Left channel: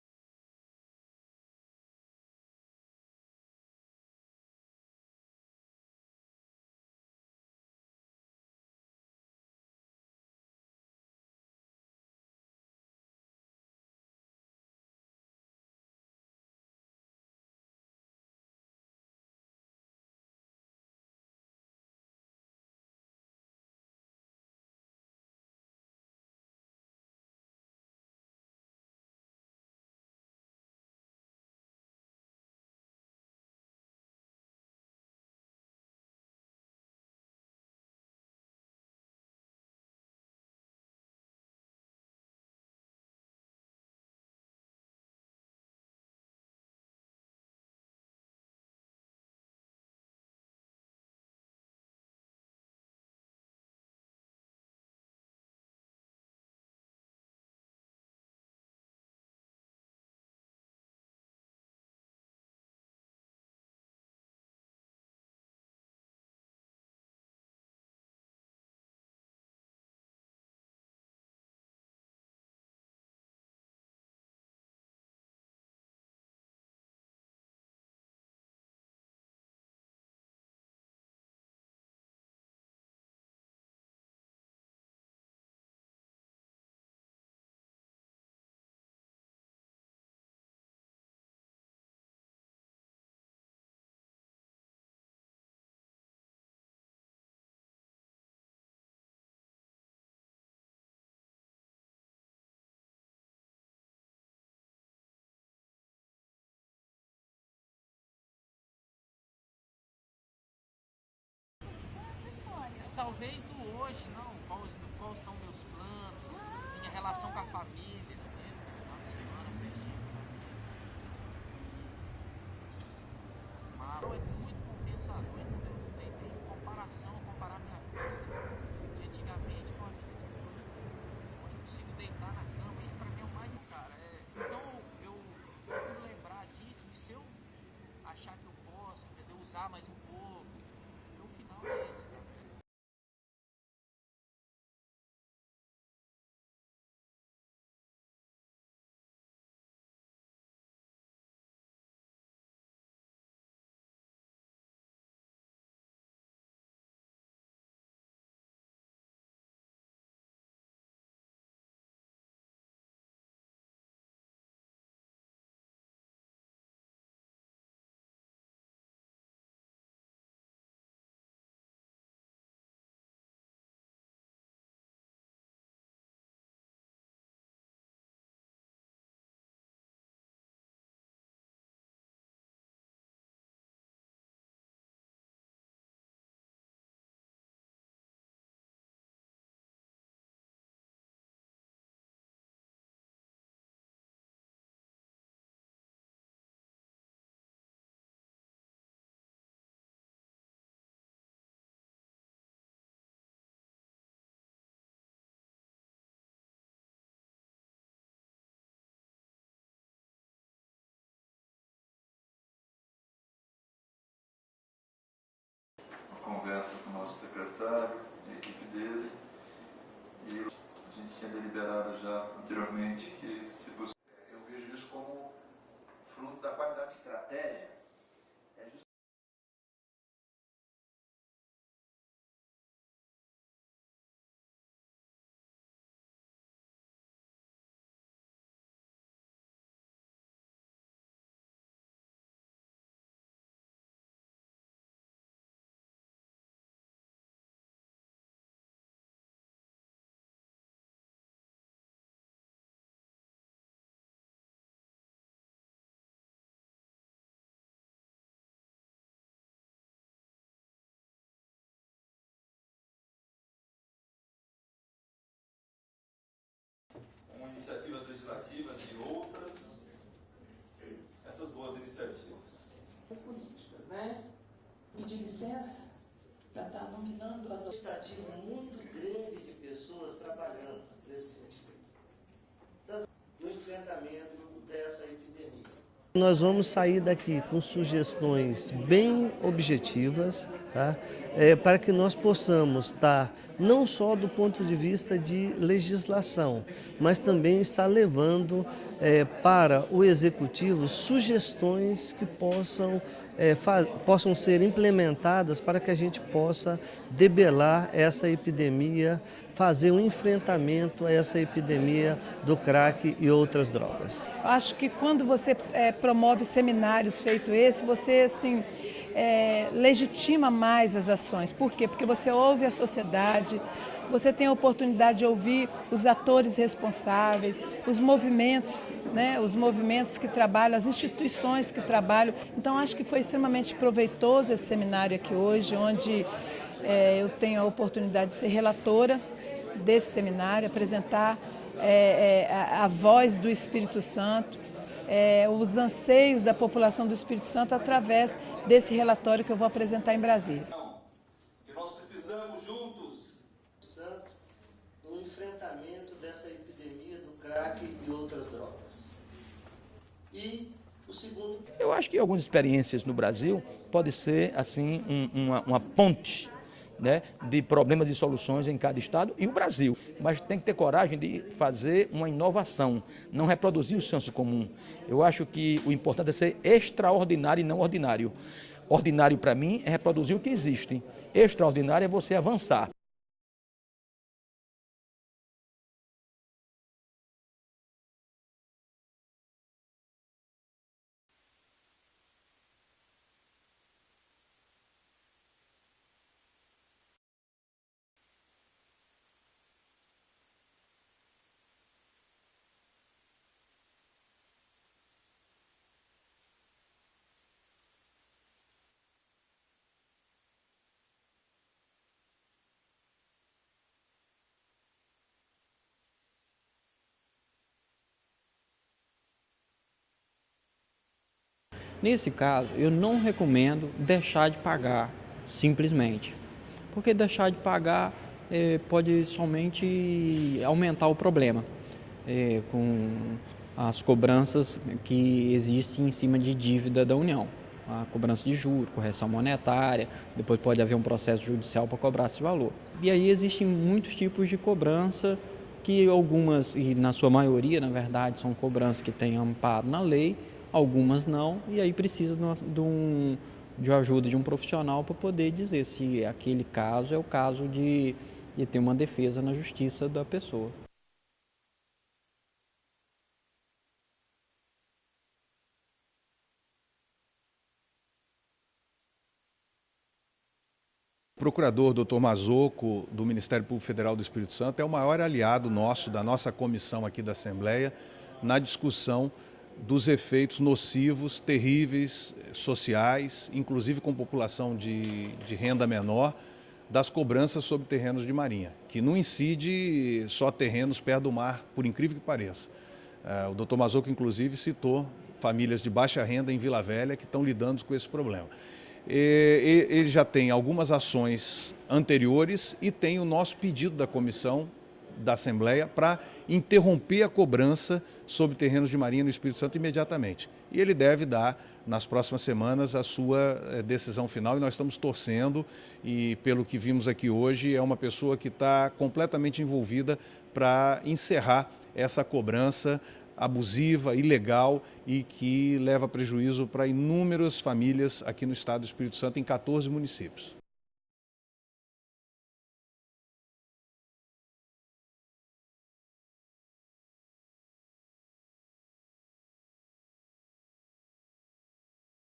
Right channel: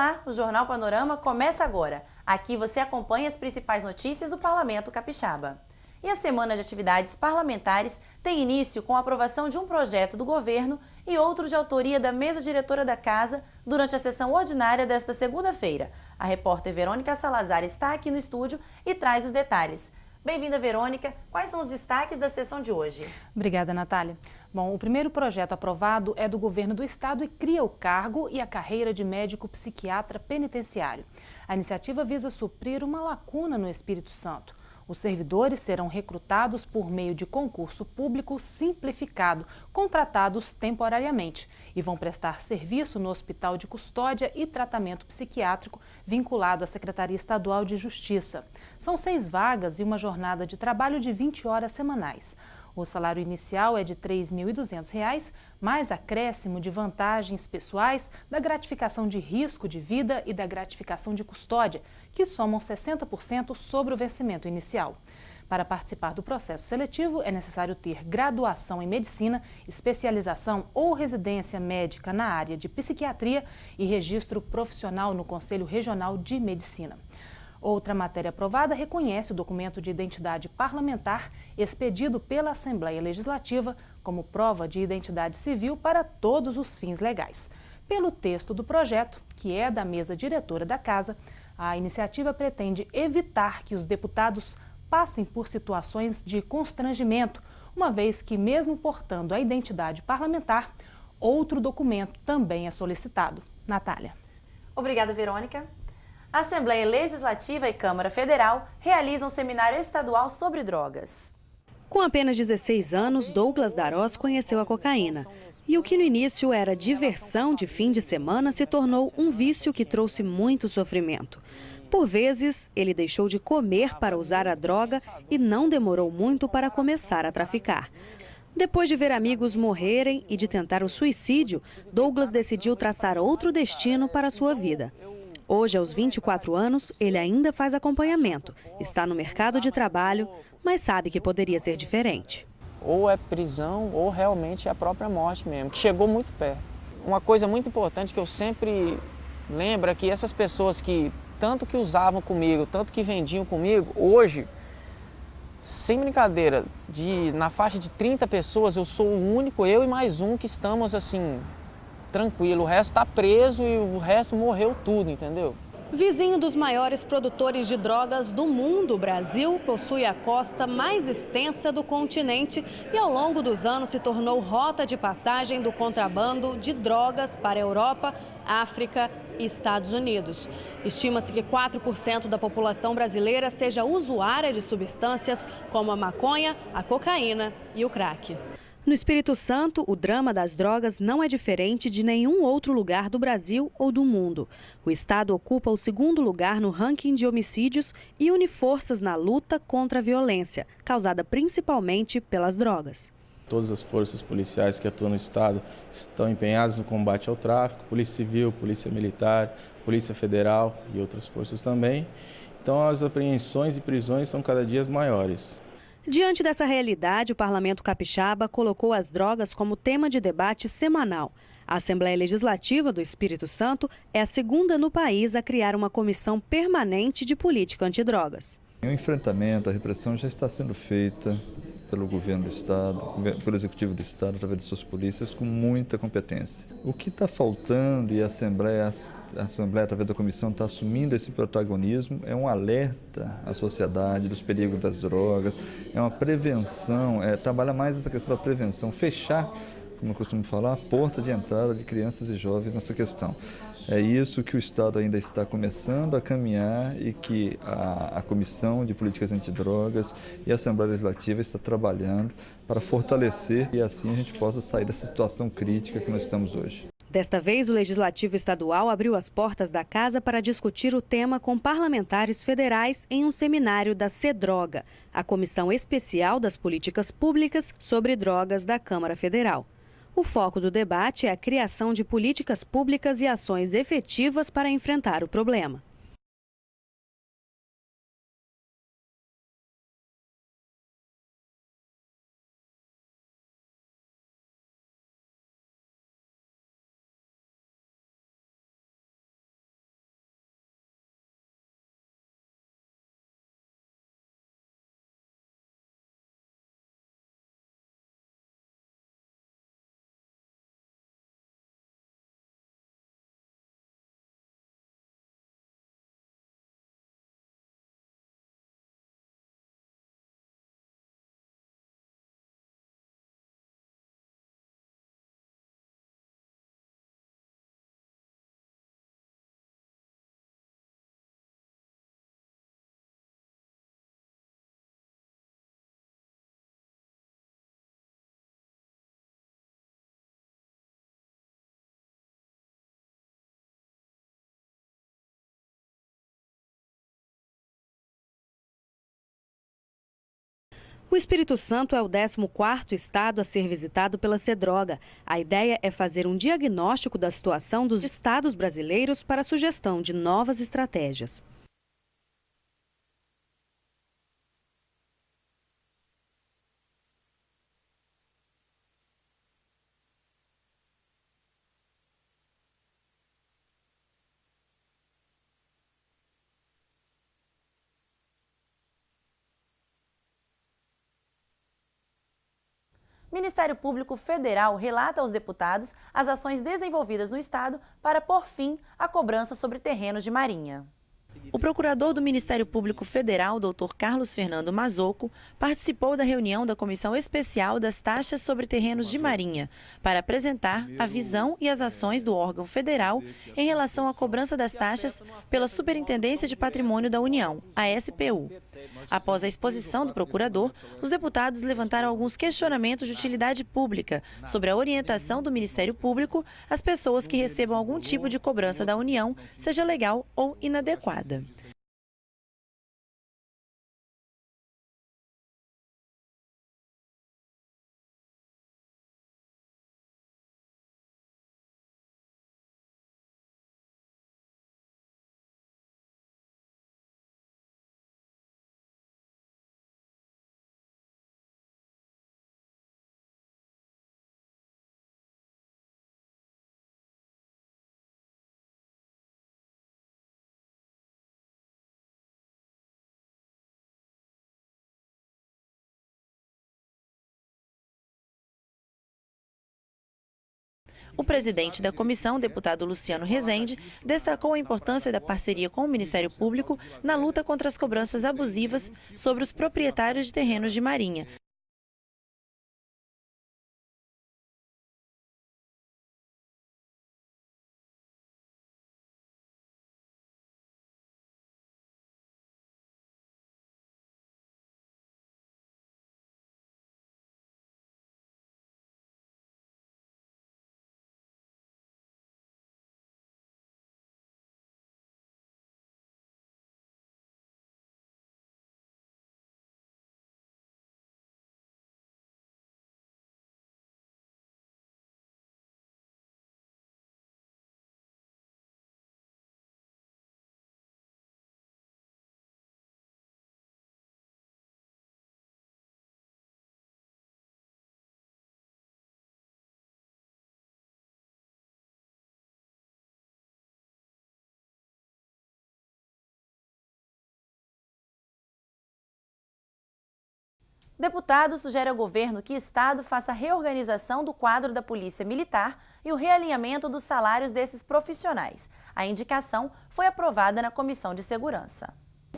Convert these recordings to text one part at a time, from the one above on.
Olá, o Jornal Panorama começa agora. Aqui você acompanha as principais notícias do Parlamento Capixaba. E a semana de atividades parlamentares tem início com a aprovação de um projeto do governo e outro de autoria da mesa diretora da Casa durante a sessão ordinária desta segunda-feira. A repórter Verônica Salazar está aqui no estúdio e traz os detalhes. Bem-vinda, Verônica. Quais são os destaques da sessão de hoje? Obrigada, Natália. Bom, o primeiro projeto aprovado é do governo do estado e cria o cargo e a carreira de médico psiquiatra penitenciário. A iniciativa visa suprir uma lacuna no Espírito Santo. Os servidores serão recrutados por meio de concurso público simplificado, contratados temporariamente, e vão prestar serviço no Hospital de Custódia e Tratamento Psiquiátrico vinculado à Secretaria Estadual de Justiça. São 6 vagas e uma jornada de trabalho de 20 horas semanais. O salário inicial é de R$ 3.200, mais acréscimo de vantagens pessoais, da gratificação de risco de vida e da gratificação de custódia, que somam 60% sobre o vencimento inicial. Para participar do processo seletivo, é necessário ter graduação em medicina, especialização ou residência médica na área de psiquiatria e registro profissional no Conselho Regional de Medicina. Outra matéria aprovada reconhece o documento de identidade parlamentar expedido pela Assembleia Legislativa como prova de identidade civil para todos os fins legais. Pelo texto do projeto, que é da mesa diretora da Casa, a iniciativa pretende evitar que os deputados passem por situações de constrangimento, uma vez que, mesmo portando a identidade parlamentar, outro documento também é solicitado. Natália. Obrigada, Verônica. A Assembleia Legislativa e Câmara Federal realizam um seminário estadual sobre drogas. Com apenas 16 anos, Douglas Darós conheceu a cocaína. E o que no início era diversão de fim de semana se tornou um vício que trouxe muito sofrimento. Por vezes, ele deixou de comer para usar a droga e não demorou muito para começar a traficar. Depois de ver amigos morrerem e de tentar o suicídio, Douglas decidiu traçar outro destino para a sua vida. Hoje, aos 24 anos, ele ainda faz acompanhamento, está no mercado de trabalho, mas sabe que poderia ser diferente. Ou é prisão ou realmente é a própria morte mesmo, que chegou muito perto. Uma coisa muito importante que eu sempre lembro é que essas pessoas que tanto que usavam comigo, tanto que vendiam comigo, hoje, sem brincadeira, na faixa de 30 pessoas, eu sou o único, eu e mais um, que estamos assim, tranquilo. O resto está preso e o resto morreu tudo, entendeu? Vizinho dos maiores produtores de drogas do mundo, o Brasil possui a costa mais extensa do continente e ao longo dos anos se tornou rota de passagem do contrabando de drogas para a Europa, África e Estados Unidos. Estima-se que 4% da população brasileira seja usuária de substâncias como a maconha, a cocaína e o crack. No Espírito Santo, o drama das drogas não é diferente de nenhum outro lugar do Brasil ou do mundo. O estado ocupa o 2º lugar no ranking de homicídios e une forças na luta contra a violência, causada principalmente pelas drogas. Todas as forças policiais que atuam no estado estão empenhadas no combate ao tráfico, Polícia Civil, Polícia Militar, Polícia Federal e outras forças também. Então as apreensões e prisões são cada dia maiores. Diante dessa realidade, o Parlamento Capixaba colocou as drogas como tema de debate semanal. A Assembleia Legislativa do Espírito Santo é a 2ª no país a criar uma comissão permanente de política antidrogas. O enfrentamento, a repressão já está sendo feita pelo governo do estado, pelo executivo do estado, através de suas polícias, com muita competência. O que está faltando e a Assembleia, através da comissão, está assumindo esse protagonismo, é um alerta à sociedade dos perigos das drogas, é uma prevenção, trabalhar mais essa questão da prevenção, fechar, como eu costumo falar, a porta de entrada de crianças e jovens nessa questão. É isso que o Estado ainda está começando a caminhar e que a Comissão de Políticas Antidrogas e a Assembleia Legislativa está trabalhando para fortalecer e assim a gente possa sair dessa situação crítica que nós estamos hoje. Desta vez, o Legislativo Estadual abriu as portas da Casa para discutir o tema com parlamentares federais em um seminário da CEDROGA, a Comissão Especial das Políticas Públicas sobre Drogas da Câmara Federal. O foco do debate é a criação de políticas públicas e ações efetivas para enfrentar o problema. Nós vamos sair daqui com sugestões bem objetivas, tá? para que nós possamos estar não só do ponto de vista de legislação, mas também estar levando para o Executivo sugestões que possam ser implementadas para que a gente possa debelar essa epidemia, fazer um enfrentamento a essa epidemia do crack e outras drogas. Acho que quando você promove seminários feito esse, você assim, legitima mais as ações. Por quê? Porque você ouve a sociedade, você tem a oportunidade de ouvir os atores responsáveis, os movimentos, né? Os movimentos que trabalham, as instituições que trabalham. Então, acho que foi extremamente proveitoso esse seminário aqui hoje, onde eu tenho a oportunidade de ser relatora desse seminário, apresentar a voz do Espírito Santo, os anseios da população do Espírito Santo através desse relatório que eu vou apresentar em Brasília. O Espírito Santo é o 14º estado a ser visitado pela Cedroga. A ideia é fazer um diagnóstico da situação dos estados brasileiros para a sugestão de novas estratégias. Eu acho que algumas experiências no Brasil podem ser assim uma ponte, né, de problemas e soluções em cada estado e o Brasil. Mas tem que ter coragem de fazer uma inovação, não reproduzir o senso comum. Eu acho que o importante é ser extraordinário e não ordinário. Ordinário, para mim, é reproduzir o que existe. Extraordinário é você avançar. O Ministério Público Federal relata aos deputados as ações desenvolvidas no Estado para pôr fim à cobrança sobre terrenos de marinha. O procurador do Ministério Público Federal, Dr. Carlos Fernando Mazocco, participou da reunião da Comissão Especial das Taxas sobre Terrenos de Marinha para apresentar a visão e as ações do órgão federal em relação à cobrança das taxas pela Superintendência de Patrimônio da União, a SPU. Após a exposição do procurador, os deputados levantaram alguns questionamentos de utilidade pública sobre a orientação do Ministério Público às pessoas que recebam algum tipo de cobrança da União, seja legal ou inadequada. Nesse caso, eu não recomendo deixar de pagar, simplesmente. Porque deixar de pagar pode somente aumentar o problema com as cobranças que existem em cima de dívida da União. A cobrança de juros, correção monetária, depois pode haver um processo judicial para cobrar esse valor. E aí existem muitos tipos de cobrança, que algumas, e na sua maioria, na verdade, são cobranças que têm amparo na lei, algumas não, e aí precisa de ajuda de um profissional para poder dizer se aquele caso é o caso de ter uma defesa na justiça da pessoa. O presidente da comissão, deputado Luciano Rezende, destacou a importância da parceria com o Ministério Público na luta contra as cobranças abusivas sobre os proprietários de terrenos de marinha. O procurador Dr. Mazocco, do Ministério Público Federal do Espírito Santo, é o maior aliado nosso, da nossa comissão aqui da Assembleia, na discussão dos efeitos nocivos, terríveis, sociais, inclusive com população de renda menor, das cobranças sobre terrenos de marinha, que não incide só terrenos perto do mar, por incrível que pareça. O Dr. Mazocco, inclusive, citou famílias de baixa renda em Vila Velha que estão lidando com esse problema. Ele já tem algumas ações anteriores e tem o nosso pedido da comissão da Assembleia para interromper a cobrança sobre terrenos de marinha no Espírito Santo imediatamente. E ele deve dar, nas próximas semanas, a sua decisão final e nós estamos torcendo e, pelo que vimos aqui hoje, é uma pessoa que está completamente envolvida para encerrar essa cobrança abusiva, ilegal e que leva prejuízo para inúmeras famílias aqui no estado do Espírito Santo, em 14 municípios. Deputado sugere ao governo que o Estado faça a reorganização do quadro da Polícia Militar e o realinhamento dos salários desses profissionais. A indicação foi aprovada na Comissão de Segurança.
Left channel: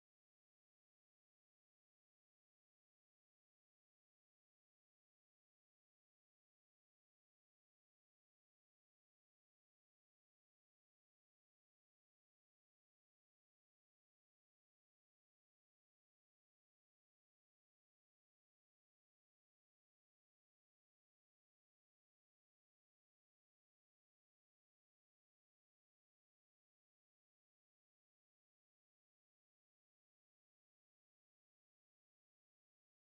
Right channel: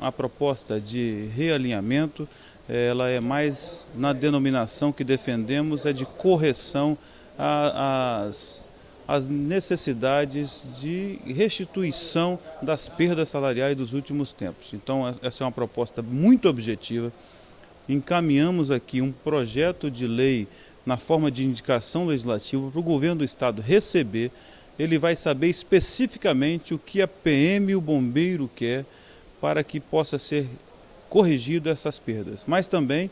A proposta de realinhamento, ela é mais na denominação que defendemos, é de correção às necessidades de restituição das perdas salariais dos últimos tempos. Então, essa é uma proposta muito objetiva. Encaminhamos aqui um projeto de lei na forma de indicação legislativa para o governo do estado receber. Ele vai saber especificamente o que a PM e o bombeiro quer para que possa ser corrigido essas perdas. Mas também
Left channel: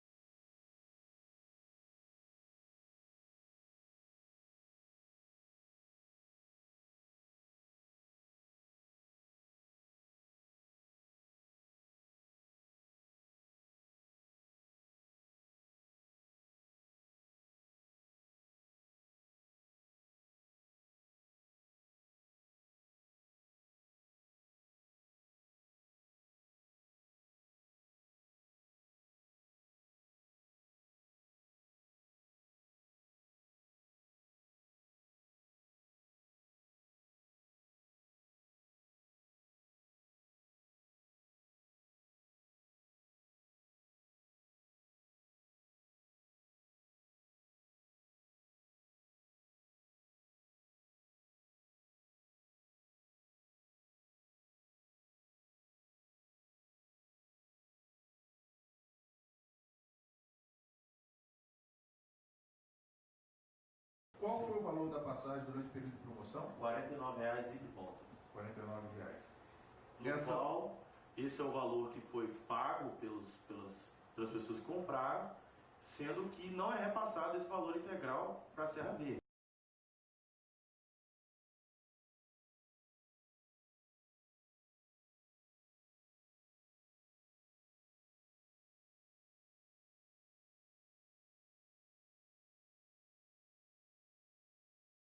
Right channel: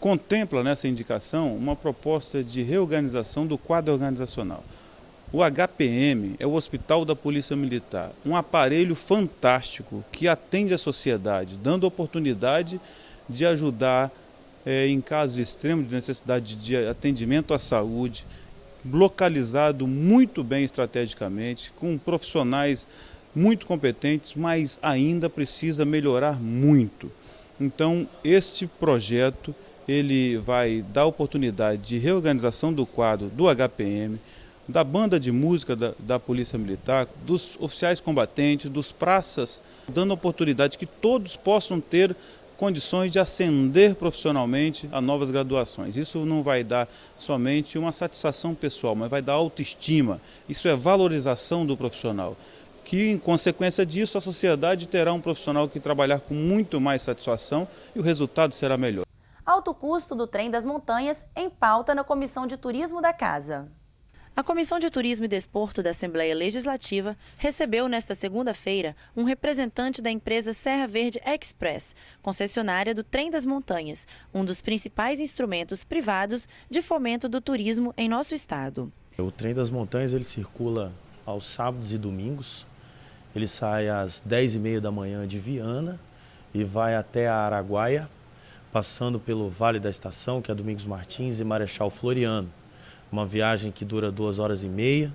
contempla nessa indicação uma proposta de reorganização do quadro organizacional. O HPM é o Hospital da Polícia Militar, um aparelho fantástico que atende a sociedade, dando oportunidade de ajudar em casos extremos de necessidade de atendimento à saúde, localizado muito bem estrategicamente, com profissionais muito competentes, mas ainda precisa melhorar muito. Então, este projeto ele vai dar oportunidade de reorganização do quadro do HPM, da banda de música da Polícia Militar, dos oficiais combatentes, dos praças, dando oportunidade que todos possam ter condições de ascender profissionalmente a novas graduações. Isso não vai dar somente uma satisfação pessoal, mas vai dar autoestima. Isso é valorização do profissional, que em consequência disso a sociedade terá um profissional que trabalhar com muito mais satisfação e o resultado será melhor. Alto custo do Trem das Montanhas em pauta na Comissão de Turismo da Casa. A Comissão de Turismo e Desporto da Assembleia Legislativa recebeu nesta segunda-feira um representante da empresa Serra Verde Express, concessionária do Trem das Montanhas, um dos principais instrumentos privados de fomento do turismo em nosso estado. O Trem das Montanhas ele circula aos sábados e domingos. Ele sai às 10h30 da manhã de Viana e vai até a Araguaia, passando pelo Vale da Estação, que é Domingos Martins e Marechal Floriano. Uma viagem que dura 2h30,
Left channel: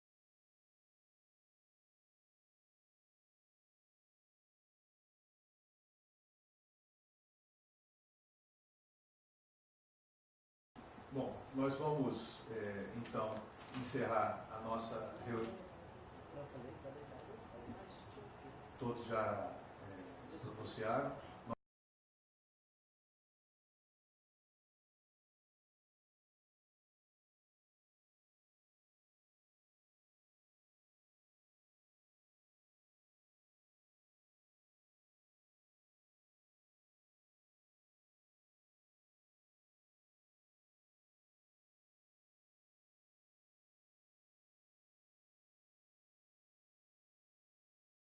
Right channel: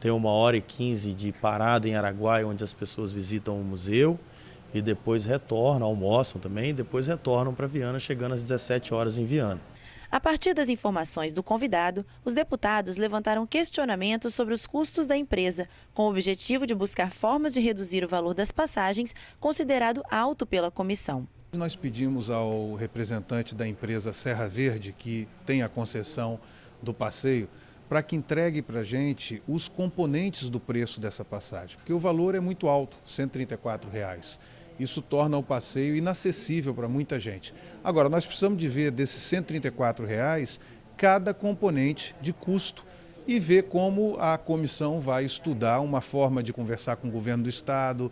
tem 1h15 de parada em Araguaia, onde as pessoas visitam o museu e depois retornam, almoçam também, e depois retornam para Viana, chegando às 17 horas em Viana. A partir das informações do convidado, os deputados levantaram questionamentos sobre os custos da empresa, com o objetivo de buscar formas de reduzir o valor das passagens, considerado alto pela comissão. Nós pedimos ao representante da empresa Serra Verde, que tem a concessão do passeio, para que entregue para a gente os componentes do preço dessa passagem, porque o valor é muito alto, R$ 134. Isso torna o passeio inacessível para muita gente. Agora, nós precisamos de ver desses R$ 134 cada componente de custo e ver como a comissão vai estudar uma forma de conversar com o governo do estado,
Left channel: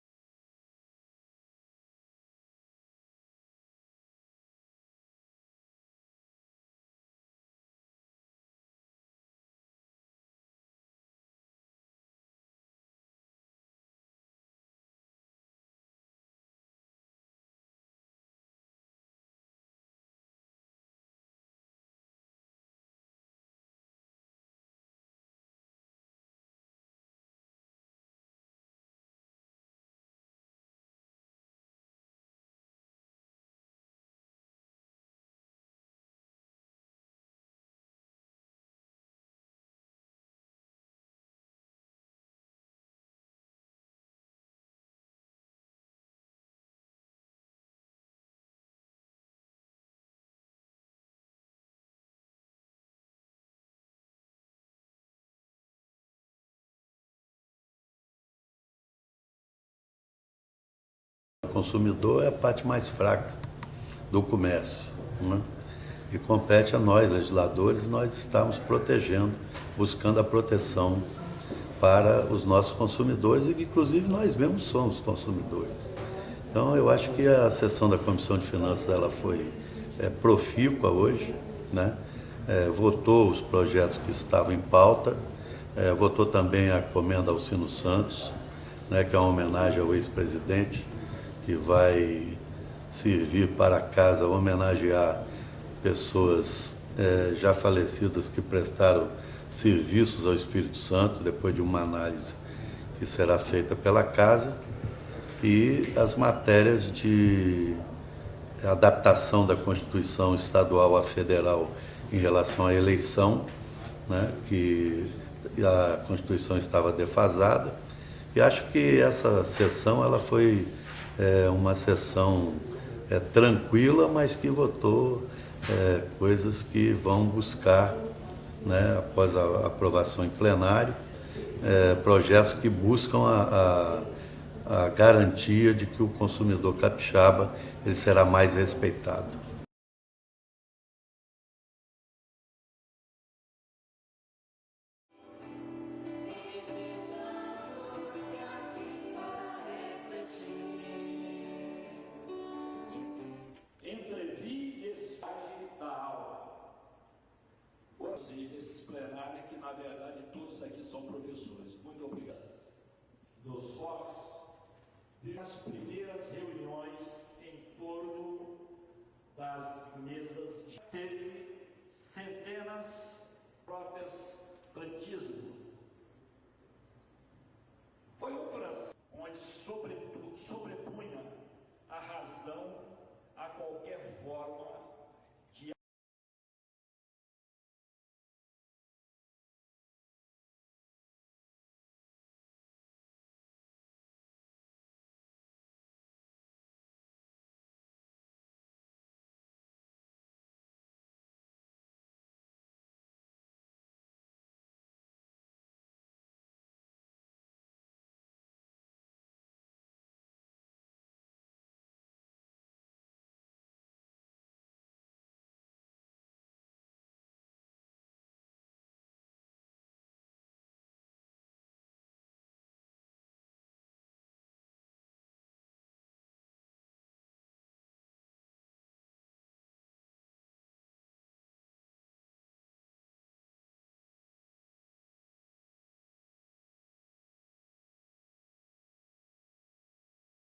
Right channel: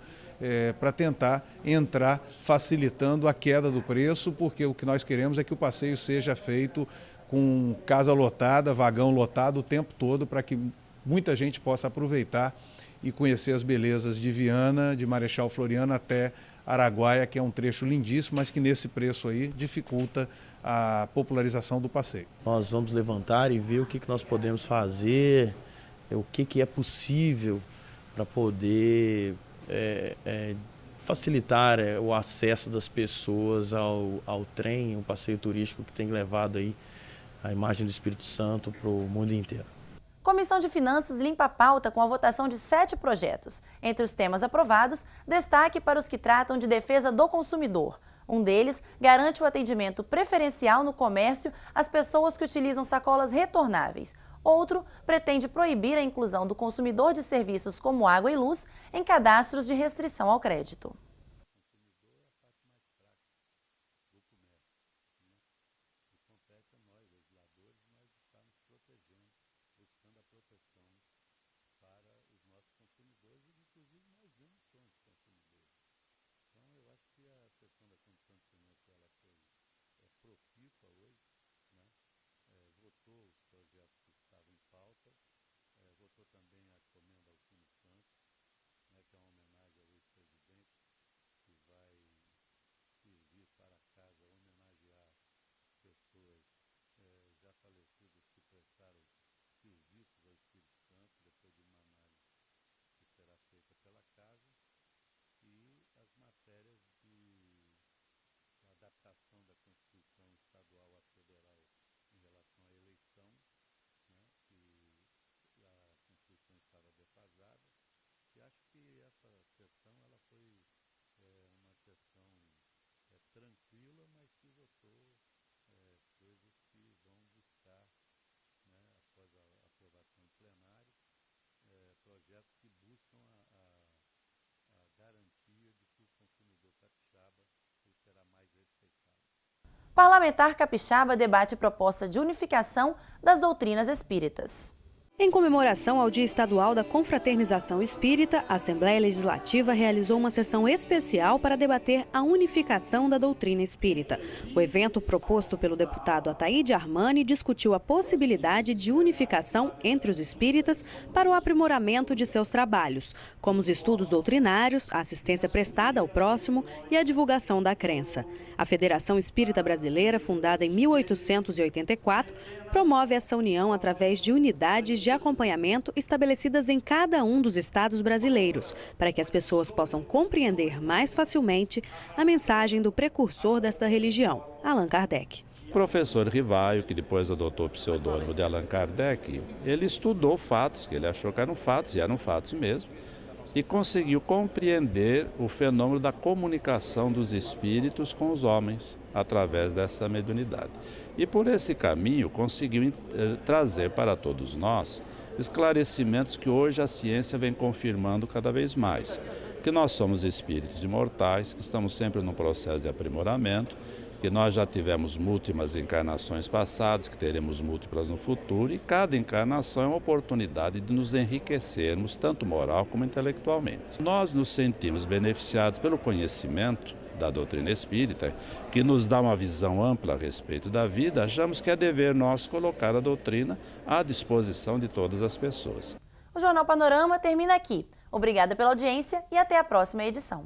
para tentar entrar facilitando a queda do preço, porque o que nós queremos é que o passeio seja feito com casa lotada, vagão lotado o tempo todo, para que muita gente possa aproveitar e conhecer as belezas de Viana, de Marechal Floriano até Araguaia, que é um trecho lindíssimo, mas que nesse preço aí dificulta a popularização do passeio. Nós vamos levantar e ver o que nós podemos fazer, o que é possível para poder facilitar o acesso das pessoas ao trem, um passeio turístico que tem levado aí a imagem do Espírito Santo para o mundo inteiro. Comissão de Finanças limpa a pauta com a votação de 7 projetos. Entre os temas aprovados, destaque para os que tratam de defesa do consumidor. Um deles garante o atendimento preferencial no comércio às pessoas que utilizam sacolas retornáveis. Outro pretende proibir a inclusão do consumidor de serviços como água e luz em cadastros de restrição ao crédito. O consumidor é a parte mais fraca do comércio, né? E compete a nós, legisladores, nós estamos protegendo, buscando a proteção para os nossos consumidores e que, inclusive, nós mesmos somos consumidores. Então, eu acho que a sessão da Comissão de Finanças ela foi profícua hoje, né? Votou os projetos que estavam em pauta, votou também a Comenda Alcino Santos, né, que é uma homenagem ao ex-presidente, que vai servir para casa homenagear pessoas já falecidas que prestaram serviços ao Espírito Santo, depois de uma análise que será feita pela Casa, e as matérias de adaptação da Constituição Estadual à Federal em relação à eleição, né, que a Constituição estava defasada, e acho que essa sessão ela foi uma sessão tranquila, mas que votou coisas que vão buscar, né, após a aprovação em plenário, projetos que buscam a garantia de que o consumidor capixaba ele será mais respeitado. Parlamentar capixaba debate proposta de unificação das doutrinas espíritas. Em comemoração ao Dia Estadual da Confraternização Espírita, a Assembleia Legislativa realizou uma sessão especial para debater a unificação da doutrina espírita. O evento proposto pelo deputado Ataíde Armani discutiu a possibilidade de unificação entre os espíritas para o aprimoramento de seus trabalhos, como os estudos doutrinários, a assistência prestada ao próximo e a divulgação da crença. A Federação Espírita Brasileira, fundada em 1884, promove essa união através de unidades de acompanhamento estabelecidas em cada um dos estados brasileiros, para que as pessoas possam compreender mais facilmente a mensagem do precursor desta religião, Allan Kardec. O professor Rivaio, que depois adotou o pseudônimo de Allan Kardec, ele estudou fatos, que ele achou que eram fatos, e eram fatos mesmo, e conseguiu compreender o fenômeno da comunicação dos espíritos com os homens através dessa mediunidade. E por esse caminho conseguiu trazer para todos nós esclarecimentos que hoje a ciência vem confirmando cada vez mais, que nós somos espíritos imortais, que estamos sempre num processo de aprimoramento, que nós já tivemos múltiplas encarnações passadas, que teremos múltiplas no futuro, e cada encarnação é uma oportunidade de nos enriquecermos, tanto moral como intelectualmente. Nós nos sentimos beneficiados pelo conhecimento da doutrina espírita, que nos dá uma visão ampla a respeito da vida. Achamos que é dever nosso colocar a doutrina à disposição de todas as pessoas. O Jornal Panorama termina aqui. Obrigada pela audiência e até a próxima edição.